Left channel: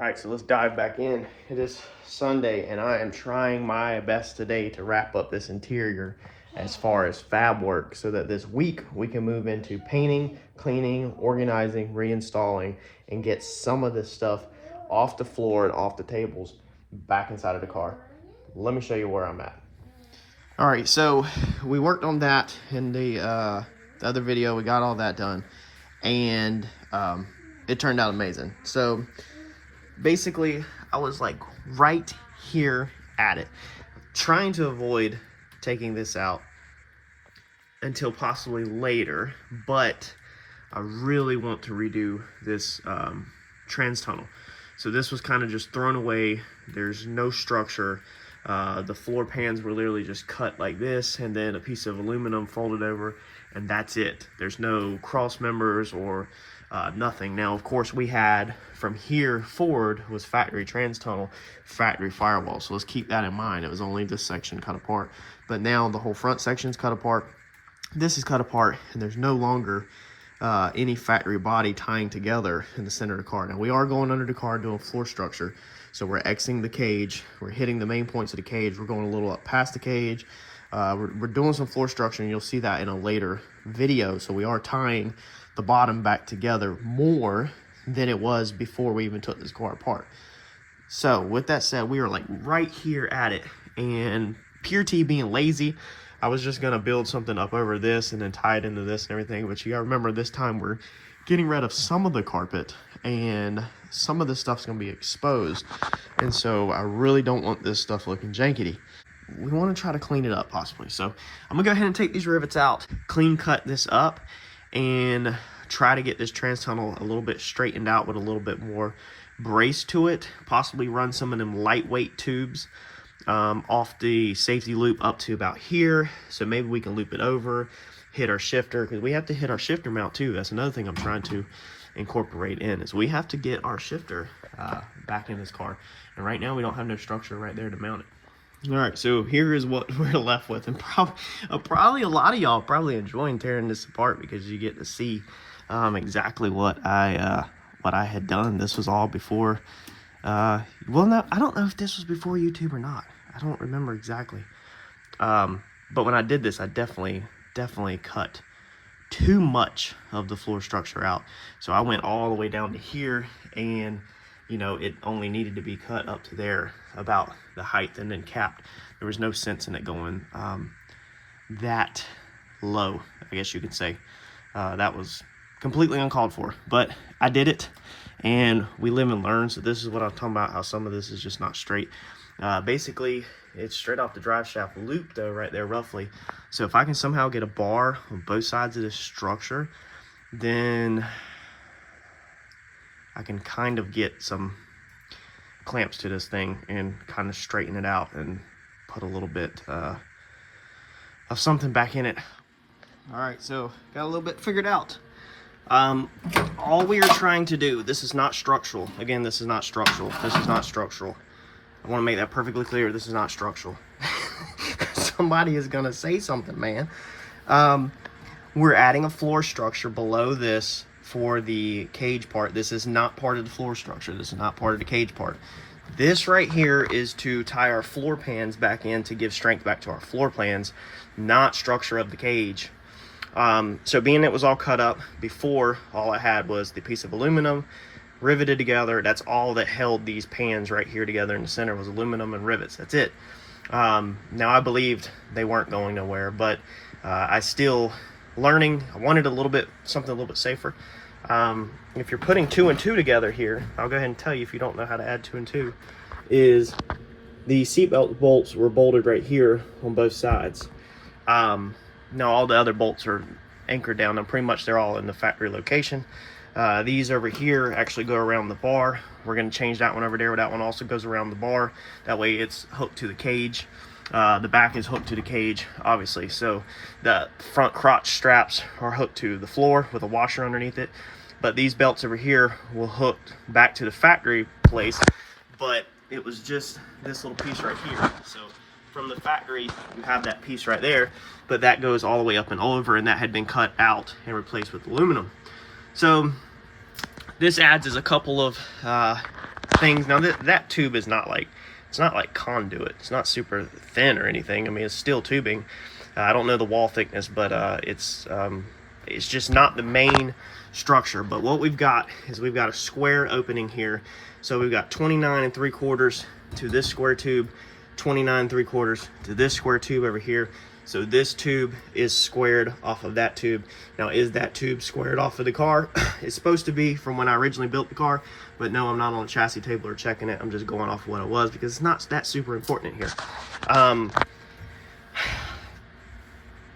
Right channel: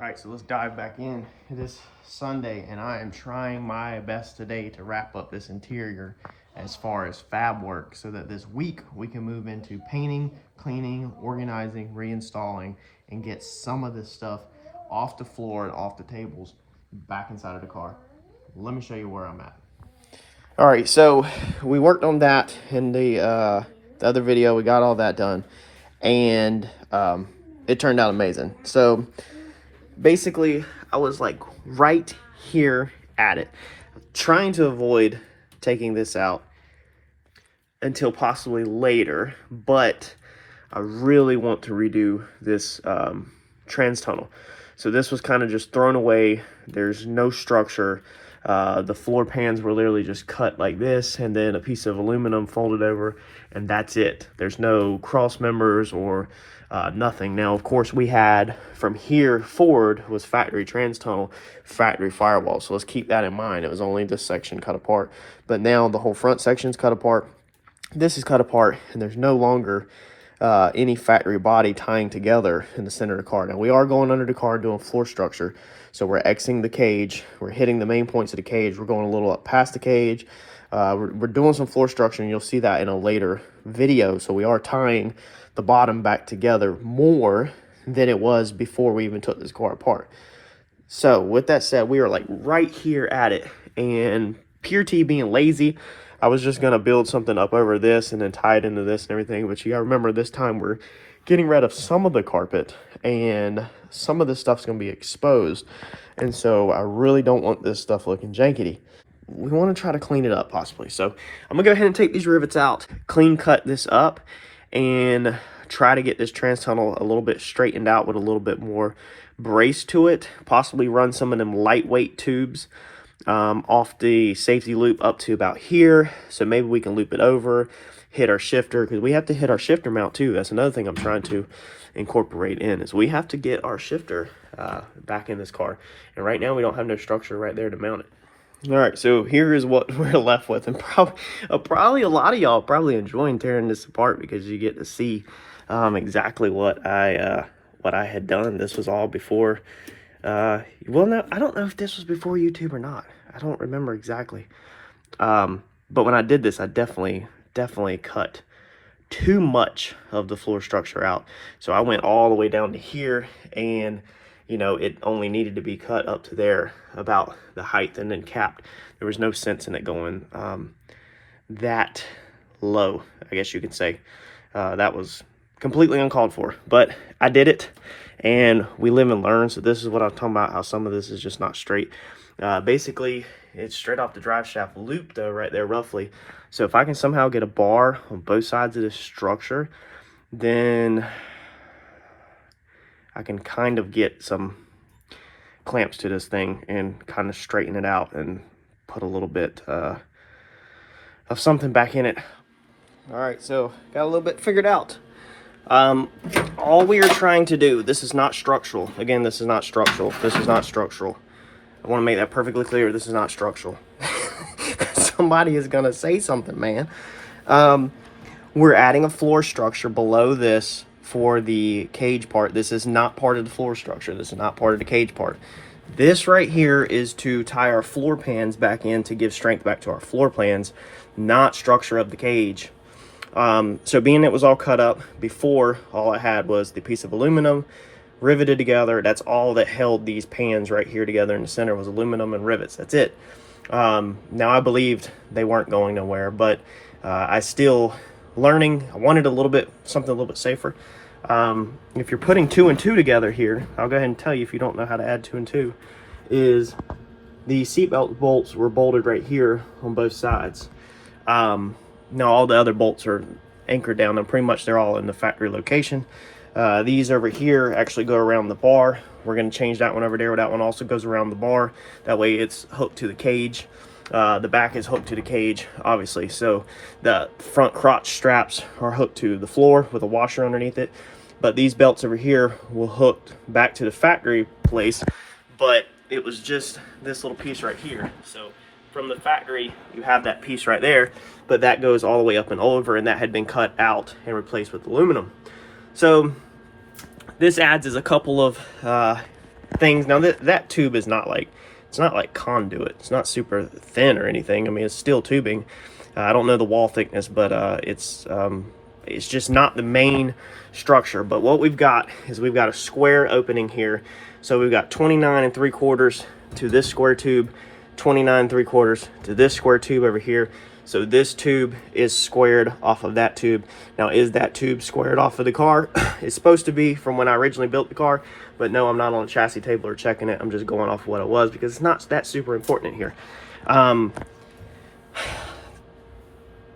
All right, so let's dive back in. It is Sunday, and I am trying my best today to wrap up this interior as far as fab work so that this week we can move into painting, cleaning, organizing, reinstalling, and get some of this stuff off the floor and off the tables back inside of the car. Let me show you where I'm at. All right, so we worked on that in the other video. We got all that done, and it turned out amazing. So basically, I was like right here at it, trying to avoid taking this out until possibly later, but I really want to redo this trans tunnel. So this was kind of just thrown away. There's no structure. The floor pans were literally just cut like this, and then a piece of aluminum folded over, and that's it. There's no cross members or nothing. Now, of course, we had from here forward was factory trans tunnel, factory firewall. So let's keep that in mind. It was only this section cut apart, but now the whole front section's cut apart. This is cut apart, and there's no longer any factory body tying together in the center of the car. Now, we are going under the car and doing floor structure. So we're Xing the cage. We're hitting the main points of the cage. We're going a little up past the cage. We're doing some floor structure, and you'll see that in a later video. So we are tying the bottom back together more than it was before we even took this car apart. So with that said, we are like right here at it, and pure T being lazy, I was just gonna build something up over this and then tie it into this and everything. But you gotta remember, this time we're getting rid of some of the carpet, and some of this stuff's gonna be exposed, and so I really don't want this stuff looking jankety. We want to try to clean it up possibly. So I'm gonna go ahead and take these rivets out, clean cut this up, and try to get this trans tunnel a little bit straightened out with a little bit more brace to it. Possibly run some of them lightweight tubes off the safety loop up to about here, so maybe we can loop it over, hit our shifter, because we have to hit our shifter mount too. That's another thing I'm trying to incorporate in, is we have to get our shifter back in this car, and right now we don't have no structure right there to mount it. All right, so here is what we're left with, and probably a lot of y'all probably enjoying tearing this apart, because you get to see exactly what I had done. This was all before well, no, I don't know if this was before YouTube or not. I don't remember exactly. But when I did this, I definitely cut too much of the floor structure out. So I went all the way down to here, and you know, it only needed to be cut up to there, about the height, and then capped. There was no sense in it going that low, I guess you could say. That was completely uncalled for, but I did it, and we live and learn. So this is what I'm talking about, how some of this is just not straight. Basically, it's straight off the drive shaft loop though, right there roughly. So if I can somehow get a bar on both sides of this structure, then I can kind of get some clamps to this thing and kind of straighten it out and put a little bit of something back in it. All right, so got a little bit figured out. All we are trying to do, this is not structural. Again, this is not structural. This is not structural. I want to make that perfectly clear. This is not structural. Somebody is going to say something, man. We're adding a floor structure below this for the cage part. This is not part of the floor structure. This is not part of the cage part. This right here is to tie our floor pans back in to give strength back to our floor plans, not structure of the cage. So being it was all cut up before, all I had was the piece of aluminum riveted together. That's all that held these pans right here together in the center, was aluminum and rivets. That's it. Now I believed they weren't going nowhere, but I still learning. I wanted a little bit, something a little bit safer. If you're putting 2 and 2 together here, I'll go ahead and tell you, if you don't know how to add 2 and 2, is the seatbelt bolts were bolted right here on both sides. Now all the other bolts are anchored down, and pretty much they're all in the factory location. These over here actually go around the bar. We're going to change that one over there. That one also goes around the bar. That way it's hooked to the cage. The back is hooked to the cage, obviously. So the front crotch straps are hooked to the floor with a washer underneath it. But these belts over here will hook back to the factory place. But it was just this little piece right here. So from the factory, you have that piece right there, but that goes all the way up and over, and that had been cut out and replaced with aluminum. So this adds is a couple of things. Now that tube is not like, it's not like conduit. It's not super thin or anything. I mean, it's steel tubing. I don't know the wall thickness, but it's just not the main structure. But what we've got is we've got a square opening here. So we've got 29 3/4 to this square tube, 29 3/4 to this square tube over here. So this tube is squared off of that tube. Now, is that tube squared off of the car? It's supposed to be from when I originally built the car, but no, I'm not on a chassis table or checking it. I'm just going off what it was because it's not that super important in here.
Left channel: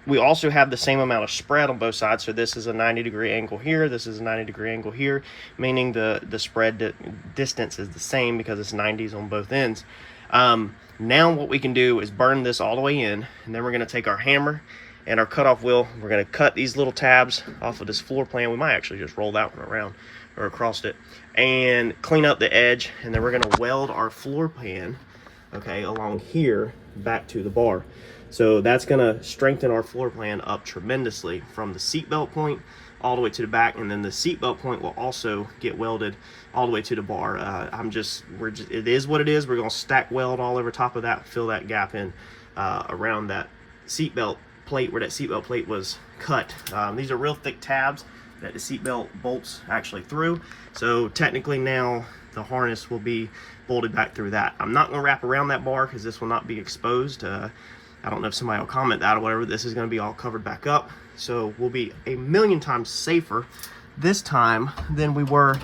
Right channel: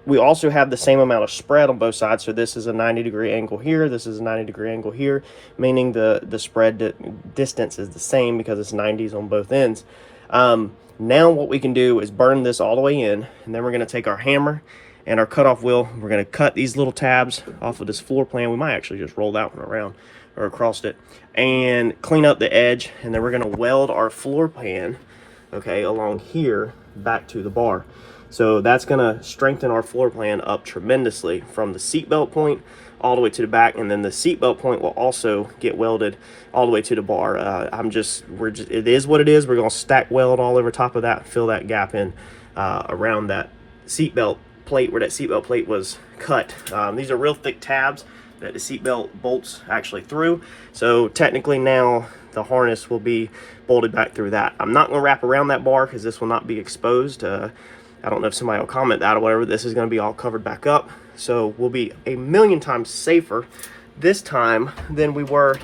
We also have the same amount of spread on both sides. So this is a 90-degree angle here. This is a 90-degree angle here, meaning the spread distance is the same because it's 90s on both ends. Now what we can do is burn this all the way in, and then we're going to take our hammer and our cutoff wheel. We're going to cut these little tabs off of this floor plan. We might actually just roll that one around or across it and clean up the edge, and then we're going to weld our floor pan, okay, along here back to the bar. So that's going to strengthen our floor plan up tremendously from the seatbelt point all the way to the back, and then the seatbelt point will also get welded all the way to the bar. It is what it is. We're going to stack weld all over top of that, fill that gap in around that seatbelt plate where that seatbelt plate was cut. These are real thick tabs that the seatbelt bolts actually through. So technically now the harness will be bolted back through that. I'm not going to wrap around that bar because this will not be exposed. I don't know if somebody will comment that or whatever. This is going to be all covered back up. So we'll be a million times safer this time than we were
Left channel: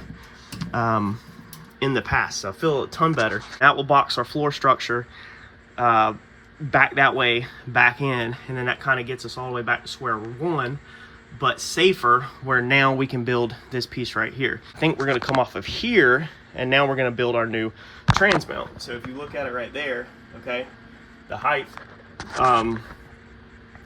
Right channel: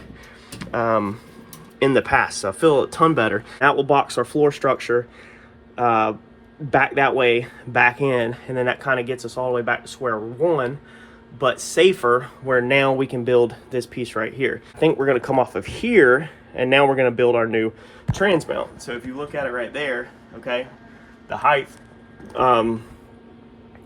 in the past. So I feel a ton better. That will box our floor structure back that way, back in, and then that kind of gets us all the way back to square one, but safer, where now we can build this piece right here. I think we're going to come off of here, and now we're going to build our new trans mount. So if you look at it right there, okay, the height,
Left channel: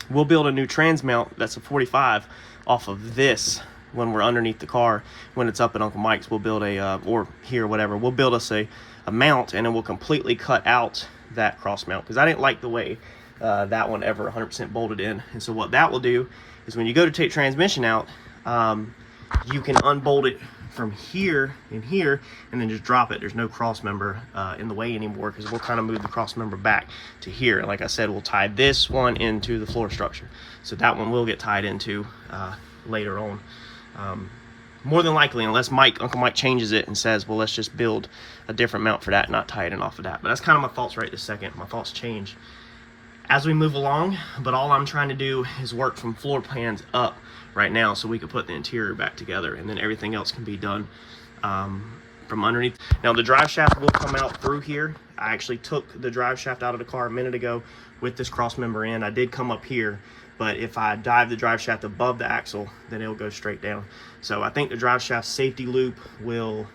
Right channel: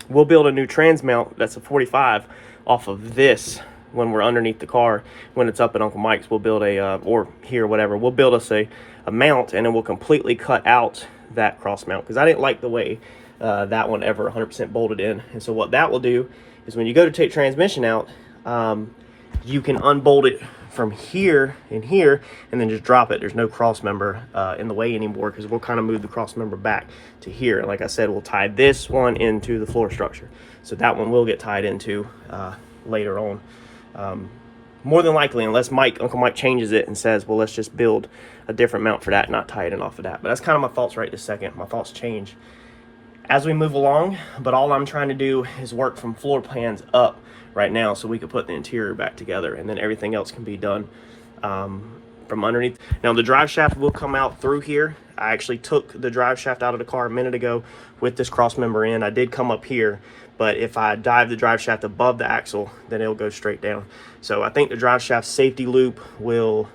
we'll build a new trans mount that's a 45 off of this when we're underneath the car. When it's up at Uncle Mike's, we'll build a or here, whatever, we'll build us a mount, and then we'll completely cut out that cross mount because I didn't like the way that one ever 100% bolted in. And so what that will do is when you go to take transmission out, you can unbolt it from here and here and then just drop it. There's no cross member in the way anymore because we'll kind of move the cross member back to here. And like I said, we'll tie this one into the floor structure. So that one will get tied into later on. More than likely, unless Uncle Mike changes it and says, well, let's just build a different mount for that, not tie it in off of that. But that's kind of my thoughts right this second. My thoughts change as we move along, but all I'm trying to do is work from floor plans up right now so we can put the interior back together, and then everything else can be done from underneath. Now the drive shaft will come out through here. I actually took the drive shaft out of the car a minute ago with this cross member in. I did come up here, but if I dive the drive shaft above the axle, then it'll go straight down. So I think the drive shaft safety loop will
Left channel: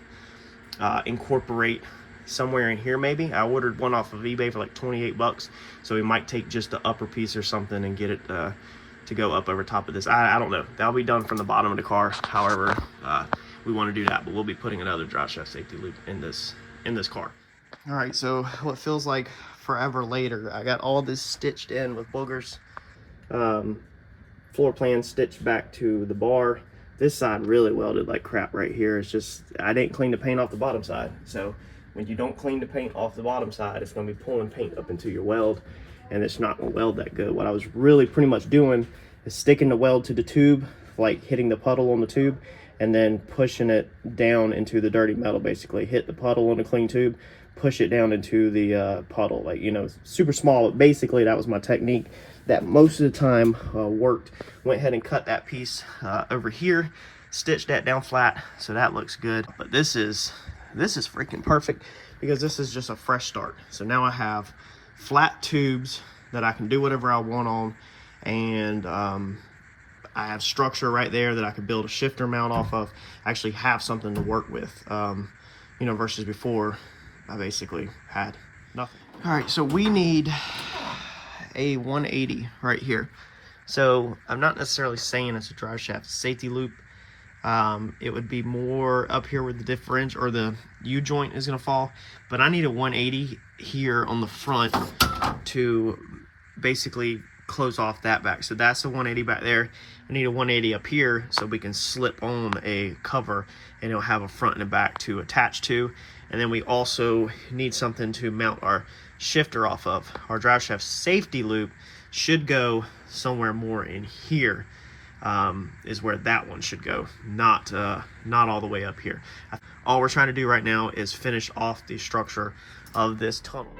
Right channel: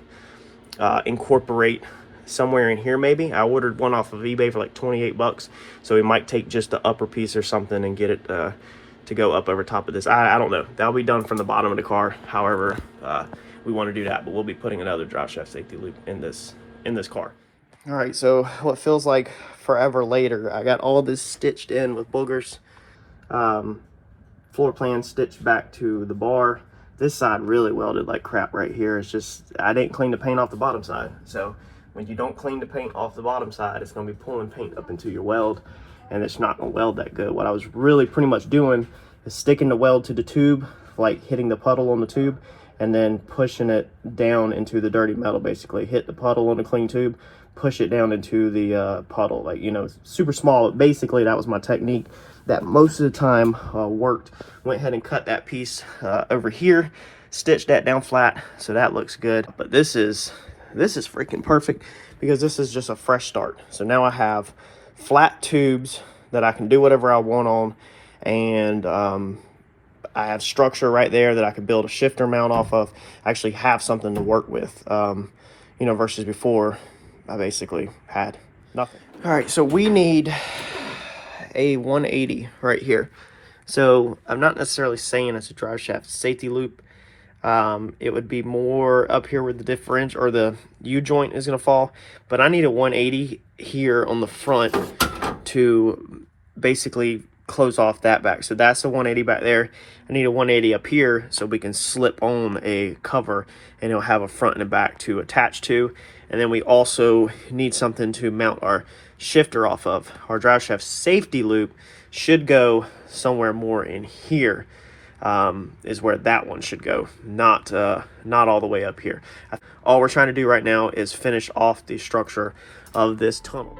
incorporate somewhere in here maybe. I ordered one off of eBay for like 28 bucks, so we might take just the upper piece or something and get it to go up over top of this. I don't know. That'll be done from the bottom of the car, however we want to do that, but we'll be putting another drive shaft safety loop in this car. All right, so what feels like forever later, I got all this stitched in with boogers. Floor plan stitched back to the bar. This side really welded like crap right here. It's just, I didn't clean the paint off the bottom side. So when you don't clean the paint off the bottom side, it's going to be pulling paint up into your weld, and it's not going to weld that good. What I was really pretty much doing is sticking the weld to the tube, like hitting the puddle on the tube, and then pushing it down into the dirty metal. Basically hit the puddle on the clean tube, push it down into the puddle, like, you know, super small. Basically that was my technique that most of the time worked. Went ahead and cut that piece over here, stitched that down flat, so that looks good. But this is freaking perfect because this is just a fresh start. So now I have flat tubes that I can do whatever I want on, and I have structure right there that I can build a shifter mount off of. I actually have something to work with, you know, versus before I basically had nothing. All right, so we need a 180 right here. So I'm not necessarily saying it's a drive shaft safety loop. It would be more up here where the differential or the U-joint is going to fall, but I need a 180 here on the front to basically close off that back. So that's the 180 back there. I need a 180 up here so we can slip on a cover, and it'll have a front and a back to attach to. And then we also need something to mount our shifter off of. Our drive shaft safety loop should go somewhere more in here, is where that one should go, not all the way up here. All we're trying to do right now is finish off the structure of this tunnel.